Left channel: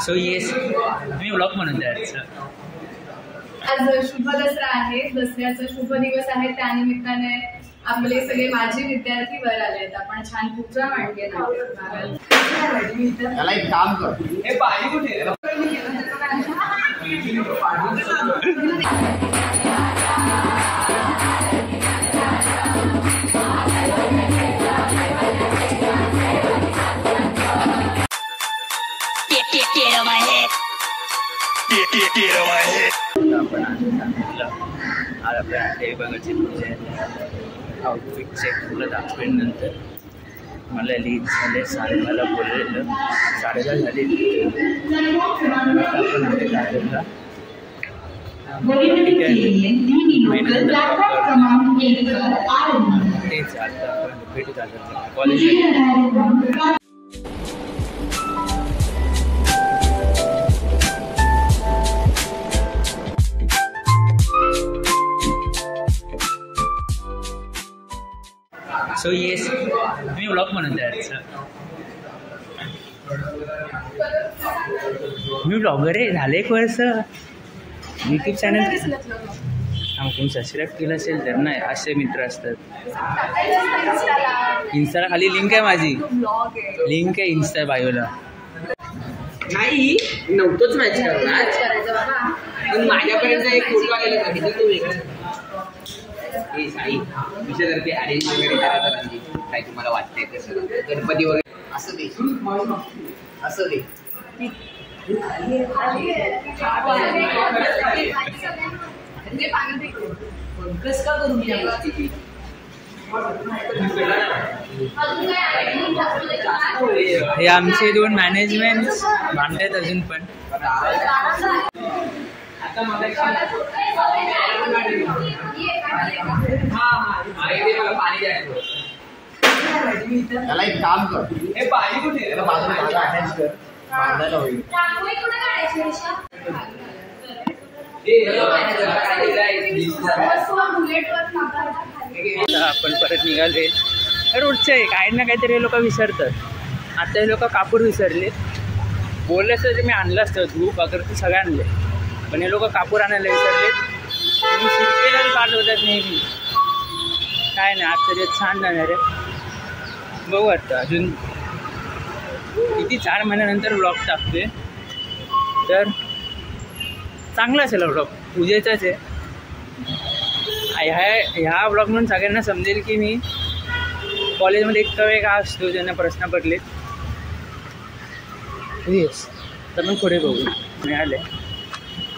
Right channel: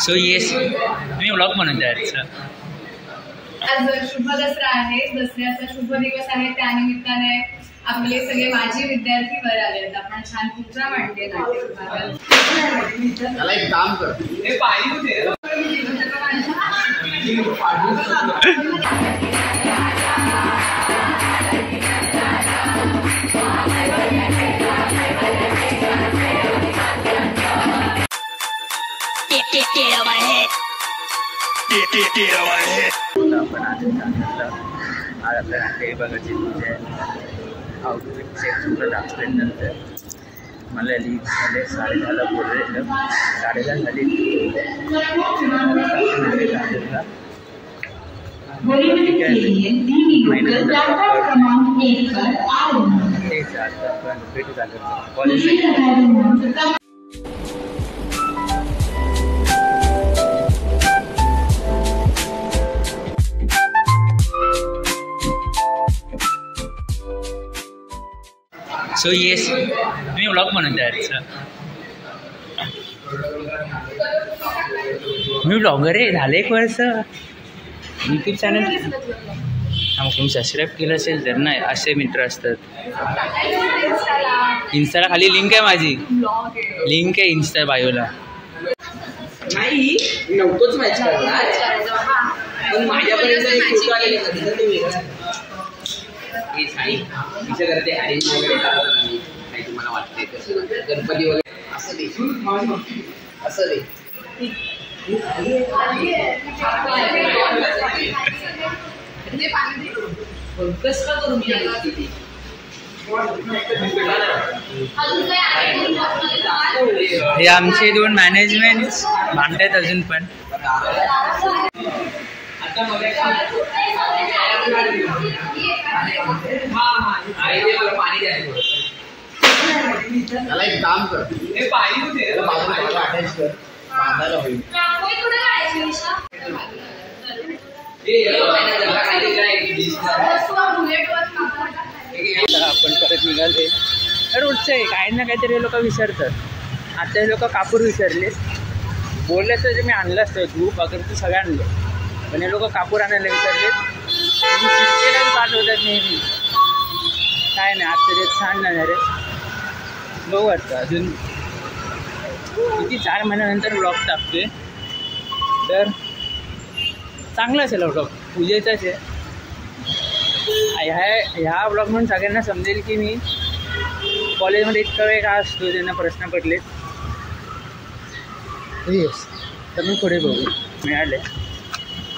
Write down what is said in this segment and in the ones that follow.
So yes मी vlog बनवते आजचा. आज शुभ दसरा आहे. दसऱ्याचा शुभ दिवस आहे. त्यानिमित्ताने आपले सगळे माजी विद्यार्थी वर आले आहेत. आपण छान पूजा मांडली आहे. त्याला एक काम कर. हे पाणी कुठे आपण आज आपल्या नाट्यविभागाची पूजा आहे. आउटफिट चेक तुला दाखवेल नंतर. मला लीड झाले 10:30ला बोललेलं 10:30 झाले. आपण आले दादरला तेच आता आपण भेटू दादरला कॉलेजला. सो येस मी व्लॉग बनवते आजचा. मी ब्लॉगर आहे. झालं 1 वर्ष. यूट्यूब चॅनल मग तुम्ही सबस्क्राईब केलं असेल तर. नाही असे मित्र असतात. इन्स्टाला खाली लिंक आहे माझी. लिंक आहे इन्स्टा बायोला. नाही नव्हतंच मॅच करणार पण माझ्यापर्यंत एक फोटो आलेला कधी तो वेगळा. हे साई विषय करते अरेंज वगैरे करायचं नाही. काय तुम्हाला वाटतंय कसं गणपती वगैरे असं दे असं दे. कस का करू मी हे आमचे 2 मॅनेजमेंट भांडतात अजून पण. आता मला पाणी द्यायचं. त्याला एक काम कर. हे पाणी कुठे त्याला बाजूला अटॅच कर. बांधायला होईल. आपण परत निघाले. रोडचं आहे. काही ना काहीतरी हे लोक विसरतात. आता हे लोक कापूर विसरले. बोलले असतं जे मी आणलं असतं धूप अगरबत्ती सगळं आणले. पण हे लोक कापूर आणायला विसरलेत. मी शिरकेलाच पाठवतात नेहमी. काय नाही आज तरी छान जाणार आहे. बघू आता अजून किती 4 महिन्यानंतर व्लॉग टाकतोय तर चांगला असेल व्लॉग. पूजेचाच आहे. ह्या व्लॉग म्हणून सगळ्यांना समजेल की मी कॉलेजमध्ये इतका वेळ का असतो ज्यांना प्रश्न पडलेत. येस तर मग पुढे बघू. मिळाले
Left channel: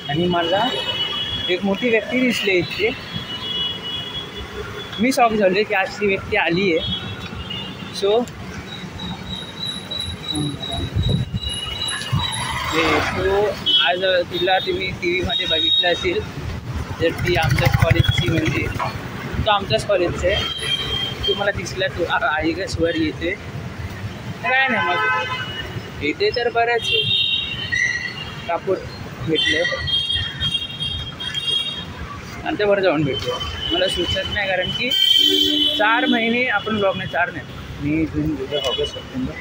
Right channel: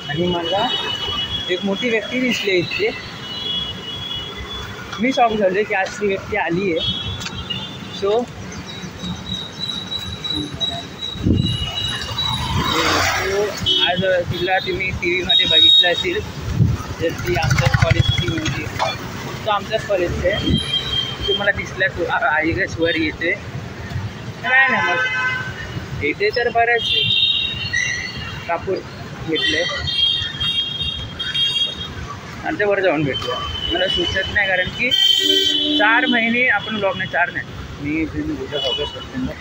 आणि मला एक मोठी व्यक्ती दिसली इथे. मी शॉक झाले की आज ती व्यक्ती आली आहे. सो आज तुला तुम्ही टी व्हीमध्ये बघितलं असेल तर ती आमच्याच कॉलेजची म्हणजे तो आमच्याच कॉलेजचं आहे. तुम्हाला दिसला तू आई गस वर येते काय ना मग येते तर बरंच आहे. कापूर घेतले आणि ते वर जाऊन भेटूया. मला सुचत नाही कारण की 4 महिने आपण ब्लॉग नाही. 4 नाही मी जून जुलै ऑगस्ट सप्टेंबर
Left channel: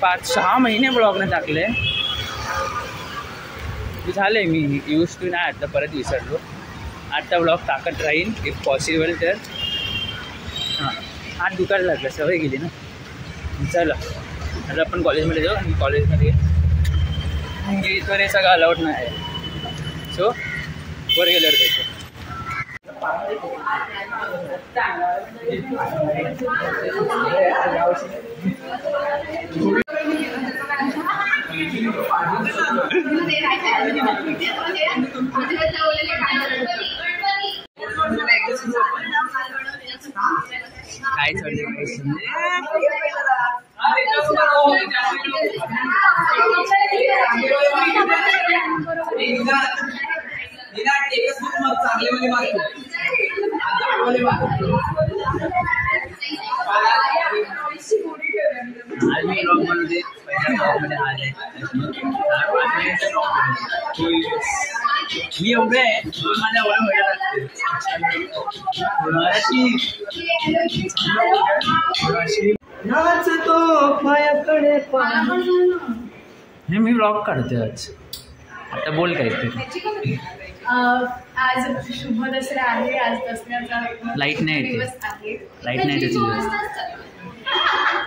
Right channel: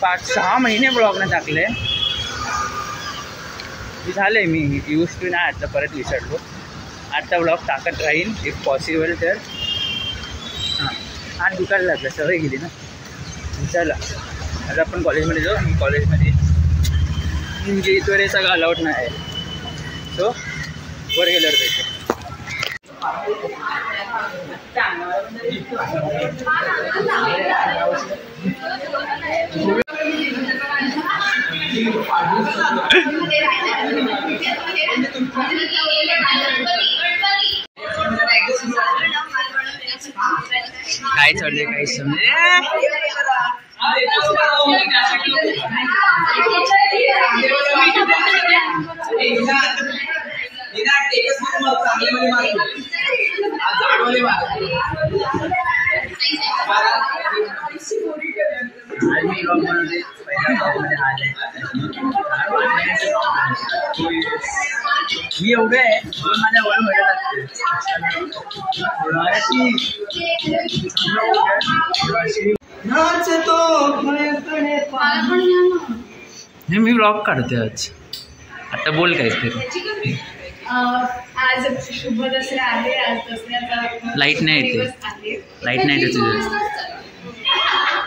5-6 महिने ब्लॉगनं टाकले. झालं आहे मी यूज टू नाही. आता परत विसरलो. आता ब्लॉग टाकत राहील इफ पॉसिबल तर. हां आज दुकान लागलं सवय गेली ना. चला आता आपण कॉलेजमध्ये जाऊ. मी कॉलेजमध्ये म्हणजे इथवर हे सगळं अलाउड नाही आहे. सो वर गेल्यावर भेटू. काय चाललंय काही समजे. आज मी ब्लॉग बनवते. पहिल्या ब्लॉगमध्ये आले मी एवढं आहे पण माझ्या वय व्हायला लागते. मी व्लॉग काढतोय आज. आता बोल काहीतरी. आज शुभ दसरा आहे. आज दसऱ्याचा लाईट नाही येते. दिवस आहे. लाईट नाही येते तुझं.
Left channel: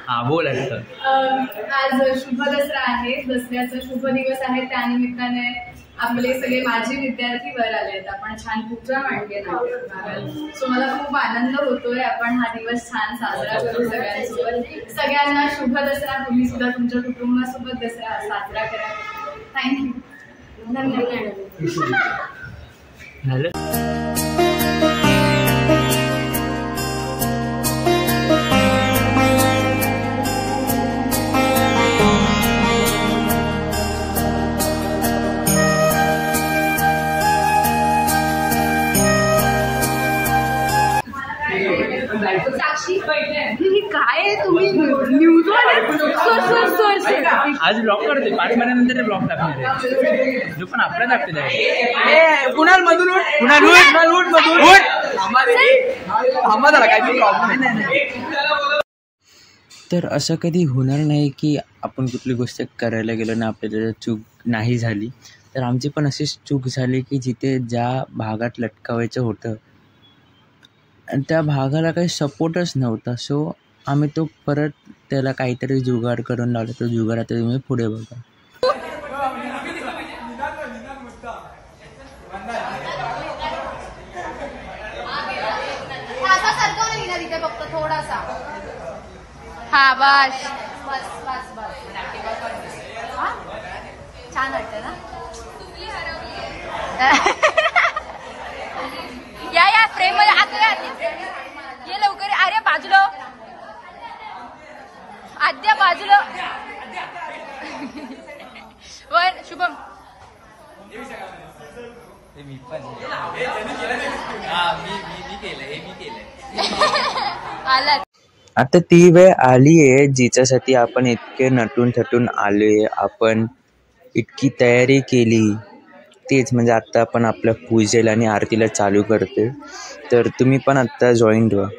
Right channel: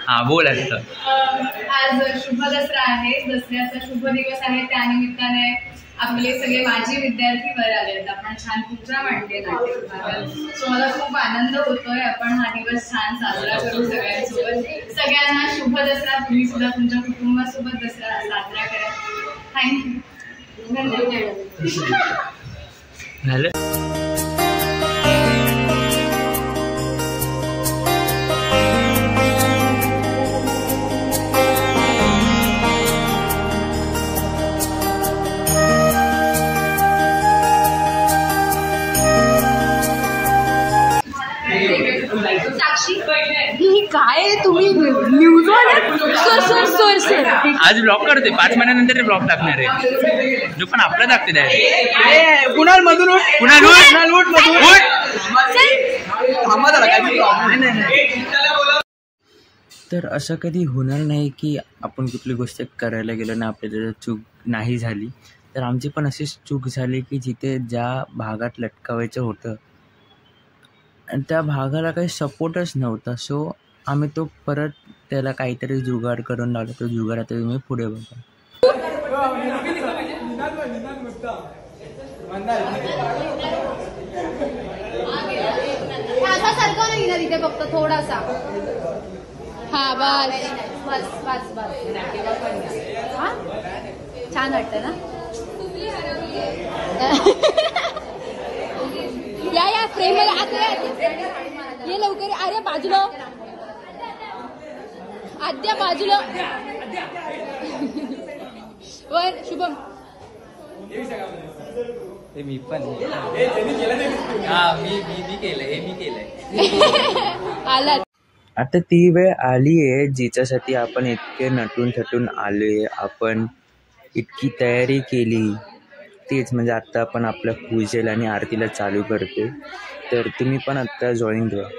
हा बोल आता. आज शुभ दसरा आहे. दसऱ्याचा शुभ दिवस आहे. त्यानिमित्ताने आपले सगळे माजी विद्यार्थी वर आले आहेत. आपण छान पूजा मांडली नाट्य विभागात. सो मला खूप आनंद होतोय. आपण हा दिवस छान साजरा करू सगळ्यांसोबत. सगळ्यांना शुभ दसरा. तुम्ही सुद्धा तुमच्या कुटुंबासोबत दसरा साजरा करा. थँक्यू. धन्यवाद. झालं. काय तुम्ही न्यूज आज ब्लॉग करते. 5 महिन्यानंतर ब्लॉग टाकणार आहे. जो पण आपला टाकते आहे. कुणाल मधून तर असं कधी होणार नाही की आपण कुठली गोष्ट करायला गेलो ना आपल्याला चूक नाही झाली. तर आमची पण अशीच चूक झाली की जिथे ज्या भागात लटकावायचं होतं आणि त्या भागाला काही सपोर्टच नव्हता. सो आम्ही तो परत त्याला काहीतरी जुगाड करून लावला. तो जुगाड आता तुम्ही पुढे बघा. तिथे फक्त थोडासा. हा बस बस बस बस. हा छान वाटतं ना. या फ्रेम मध्ये आद्या ये लवकर. अरे बाजूला आद्या बाजूला. वर शुभम. मी पण आला. आता ती वेळ आली आहे जिच्यासाठी आपण इतके नटून थटून आलोय. आपण इतकी तयारी केली. तेच म्हणजे आता आपण आपल्या पूजेला आणि आरतीला चालू करते. तर तुम्ही पण आता जॉईन व्हा.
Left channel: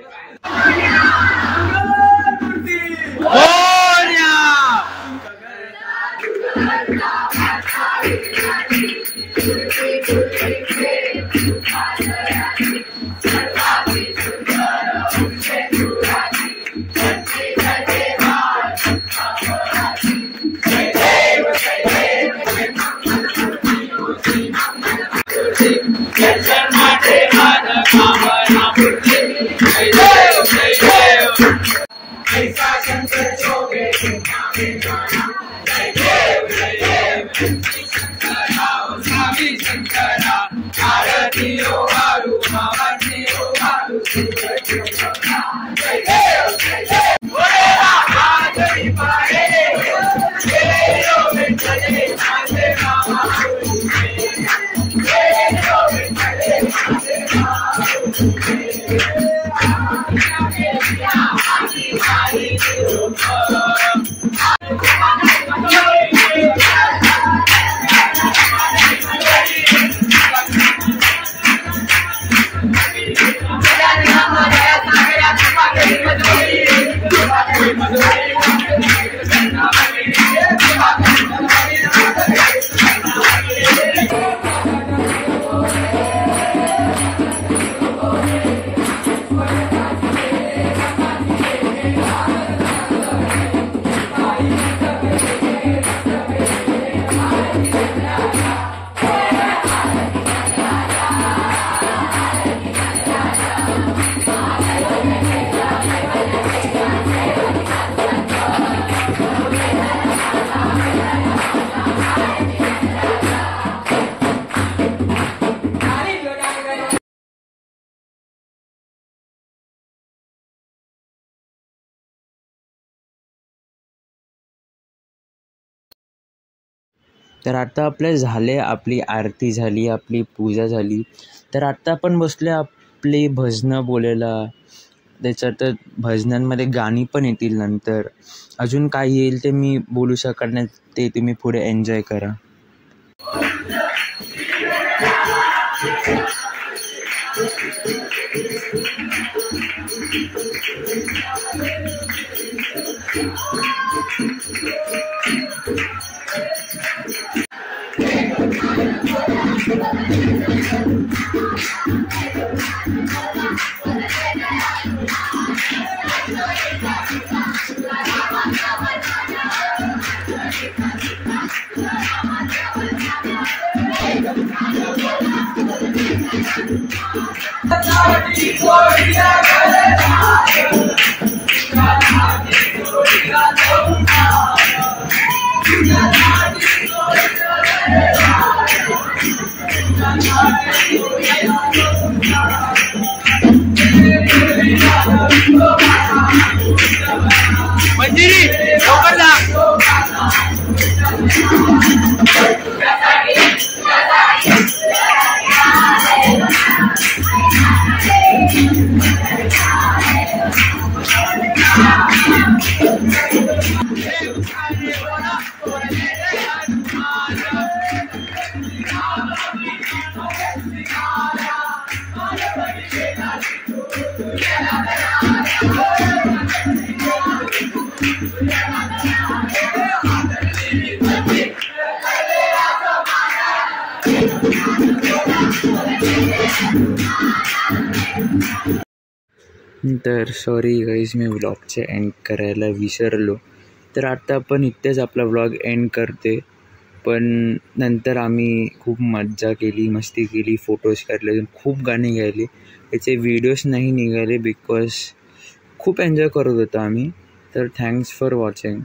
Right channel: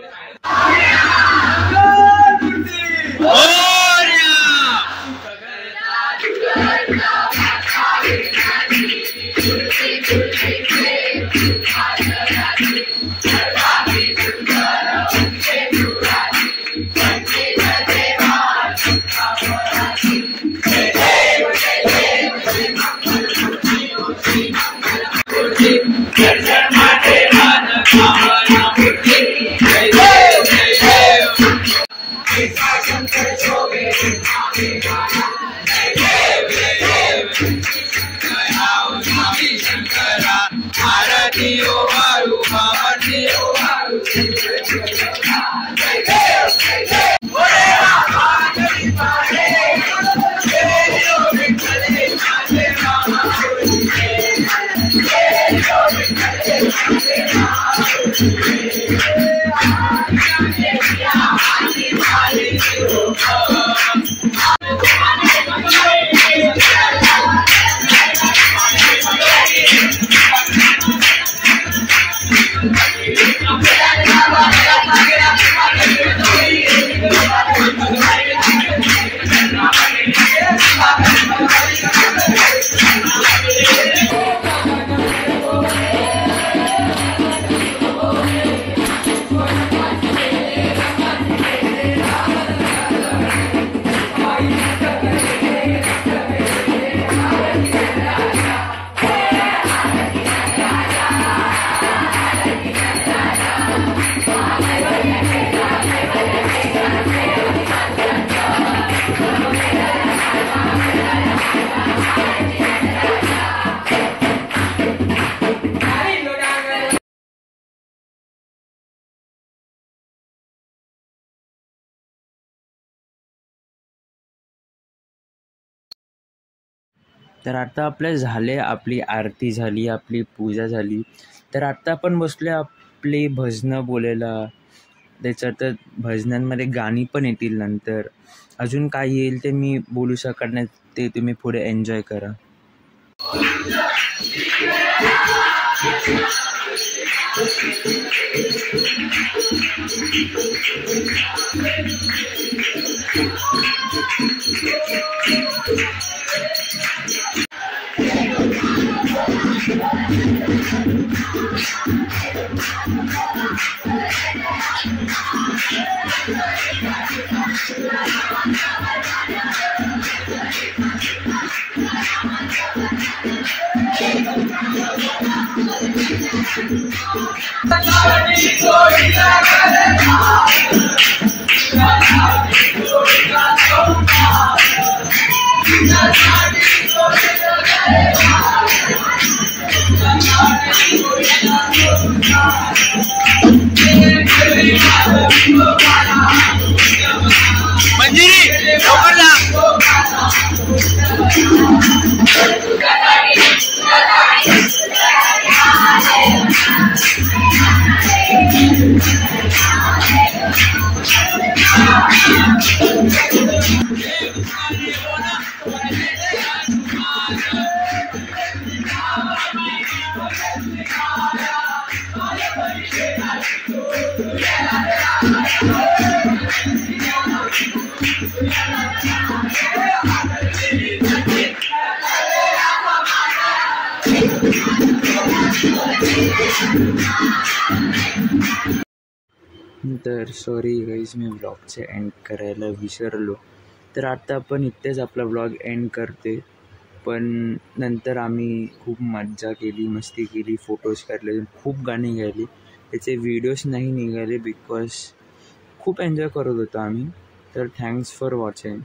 तर आता आपलं झाले. आपली आरती झाली, आपली पूजा झाली. तर आता आपण बसले आपली भजनं बोलायला. त्याच्यात भजनांमध्ये गाणी पण येतील नंतर. अजून काय येईल ते मी बोलू शकत नाही. ते तुम्ही पुढे एन्जॉय करा. मंजिरी लवकर जा. तर सॉरी गाईज, मी व्लॉगचे एंड करायला विसरलो. तर आता आपण इथेच आपला व्लॉग एंड करते. पण नंतर आम्ही खूप मज्जा केली, मस्ती केली, फोटोज काढले, खूप गाणी गायली. याचे व्हिडिओज नाही निघाले बिकॉज खूप एन्जॉय करत होतो आम्ही. तर थँक्स फॉर वॉचिंग.